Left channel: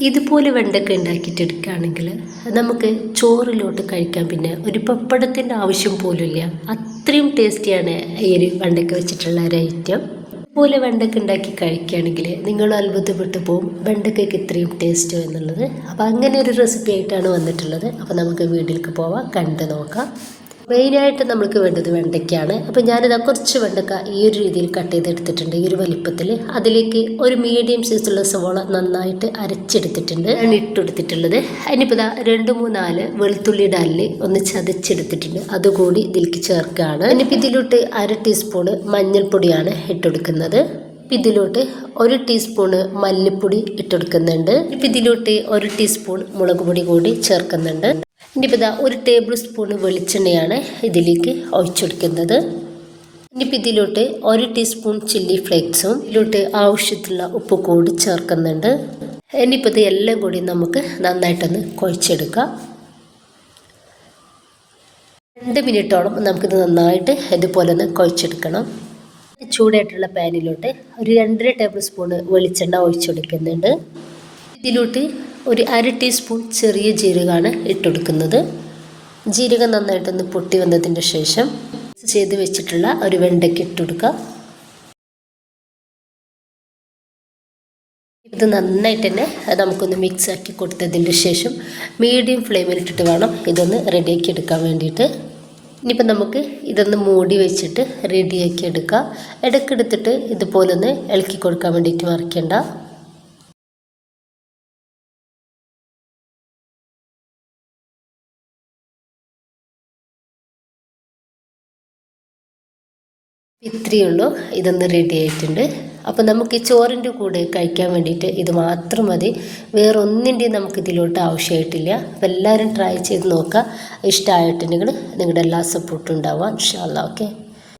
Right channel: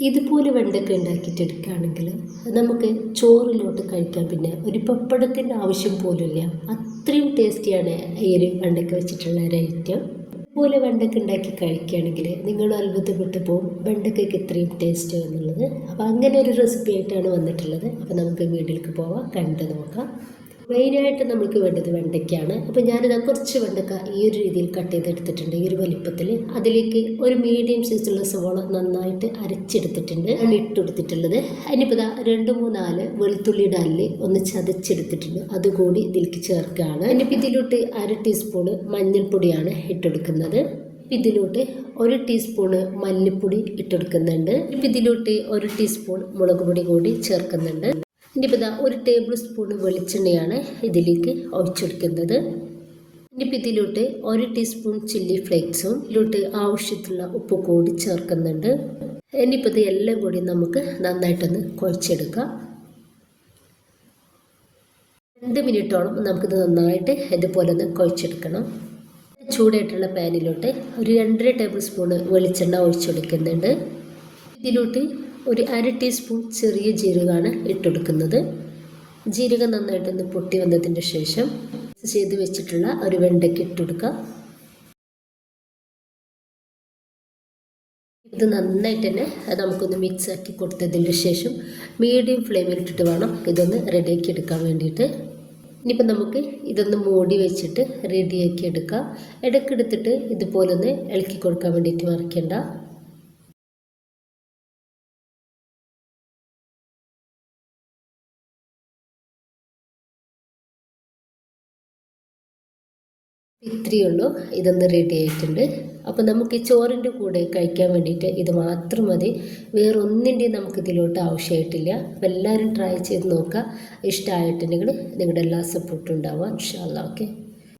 ഇതുപോലെ വെണ്ടയ്ക്ക ഉണ്ടാക്കിയിട്ടെടുക്കുകയാണെങ്കിൽ നമുക്ക് ചോറിലോട്ട് കഴിക്കാൻ പിന്നെ ഒരു പപ്പടത്തിൻ്റെ ആവശ്യം പോലുമില്ല. അത്രയും ടേസ്റ്റിയാണ് ഈ ഒരു വെണ്ടയ്ക്ക വെച്ചിട്ടുള്ള ഒരു ഐറ്റം. ഇതുപോലെ വെണ്ടയ്ക്ക ഉണ്ടാക്കി കഴിക്കുകയാണെങ്കിൽ നിങ്ങൾ അത്ഭുതപ്പെട്ടു പോകും വെണ്ടയ്ക്കയ്ക്ക് ഇത്രയും ടേസ്റ്റോ എന്നുള്ളത്. അപ്പോൾ അങ്ങനെ ഒരു റെസിപ്പി ആയിട്ടാണ് വന്നിട്ടുള്ളത്. അപ്പോൾ നമുക്ക് വീട്ടിലേക്ക് പോവാം, കണ്ടു നോക്കാം. മെയിനായിട്ട് നമുക്ക് വേണ്ടത് വെണ്ടയ്ക്കാണ്. അപ്പോൾ ഞാനിതാ കുറച്ച് വെണ്ടയ്ക്ക ഈ ഒരു രീതിയിൽ കട്ട് ചെയ്തെടുത്തിട്ടുണ്ട്, ഈ ഒരു വലിപ്പത്തിൽ. അതിലേക്ക് ഒരു മീഡിയം സൈസുള്ള സവോള നന്നായിട്ട് അരച്ചെടുത്തിട്ടുണ്ട്, ഞാൻ ഇട്ടെടുത്തിട്ടുള്ളത്. അതിനിപ്പോൾ ഇതാ 2-3 വെളുത്തുള്ളിയുടെ അല്ല് ഒന്ന് ചതച്ചെടുത്തിട്ടുണ്ട്, അതുകൂടി ഇതിലേക്ക് ചേർക്കുകയാണ്. ഇനിയിപ്പോൾ ഇതിലോട്ട് 1/2 ടീസ്പൂണ് മഞ്ഞൾപ്പൊടിയാണ് ഇട്ടെടുക്കുന്നത്. ഇതിലോട്ട് 1 ടീസ്പൂണ് മല്ലിപ്പൊടി ഇട്ടെടുക്കുന്നുണ്ട്. ഇപ്പം ഇതിലോട്ട് 1 ടീസ്പൂൺ മുളക് പൊടി കൂടി ചേർക്കുന്നുണ്ട്. ഇനിയിപ്പോൾ ഇതാ 1 ടേബിൾ സ്പൂൺ വെളിച്ചെണ്ണയാണ് ഇതിലേക്ക് ഒഴിച്ചെടുക്കുന്നത്. ഇനിയിപ്പോൾ ഇതിലോട്ട് 1 ടീസ്പൂൺ ചില്ലി ഫ്ലേക്സും ഇതിലോട്ട് ആവശ്യത്തിലുള്ള ഉപ്പ് കൂടി ചേർക്കുന്നുണ്ട്. ഇനിയിപ്പോൾ ഇത് എല്ലാം കൂടി നമുക്ക് നന്നായിട്ടൊന്ന് കുഴച്ചെടുക്കാം. 2 മിനിറ്റോളം നമുക്കിത് നന്നായിട്ട് ഇതുപോലെ ഒന്ന് കുഴച്ചെടുക്കണം. ചൂടായിട്ടുള്ള പാനിലോട്ട് ഒരു 2.5 ടേബിൾ സ്പൂണ് വെളിച്ചെണ്ണ ഒഴിച്ചെടുക്കുന്നുണ്ട്. ഇതിലോട്ട് ഒരു 1/2 ടീസ്പൂൺ ചെറിയ ജീരകമാണ് ഇട്ടെടുക്കുന്നത്. ജീരകം നന്നായിട്ടൊന്ന് പൊട്ടി വന്നതിൻ്റെ ശേഷം ചെയ്ത് വെച്ചിട്ടുള്ള ഒരു വെണ്ടയ്ക്ക് ഇട്ടെടുക്കുക. ഇത് നന്നായിട്ട് തന്നെ നമുക്കൊന്ന് മിക്സ് ആക്കി കൊടുത്തതിൻ്റെ ശേഷം മീഡിയം ഫ്ലെയിമിലിട്ടിട്ട് വേണം ഇതൊന്ന് റെഡിയാക്കി എടുക്കാൻ വേണ്ടിയിട്ട്. ഇനിയിപ്പോൾ നമുക്ക് ഇതൊന്ന് മൂടി വെച്ചിട്ട് റെഡിയാക്കി എടുക്കാം. ഇടയ്ക്കെടുത്തിട്ട് ഇതുപോലൊന്ന് ഇളക്കി കൊടുക്കാൻ വേണ്ടിയിട്ട് മറക്കേണ്ട. ഇത്രയേ ഉള്ളൂ, ഇതൊന്ന് റെഡി ആയിട്ടുണ്ട്. അപ്പോൾ നമുക്ക് ഈ ചോറിൻ്റെ കൂടെ കഴിക്കാൻ വേണ്ടിയിട്ട് ഇത് മാത്രം മതി, വേറെ ഒന്നിൻ്റെയും നമുക്ക് ഇതിലോട്ട് ആവശ്യമായിട്ടില്ല. അപ്പോൾ എല്ലാവരും ട്രൈ ചെയ്ത് നോക്കുക. ഇഷ്ടമായിട്ടുണ്ടെങ്കിൽ നിങ്ങളുടെ എല്ലാ സപ്പോർട്ടും ഉണ്ടാവുക ഇൻഷാ അല്ലാഹ്. ഓക്കെ.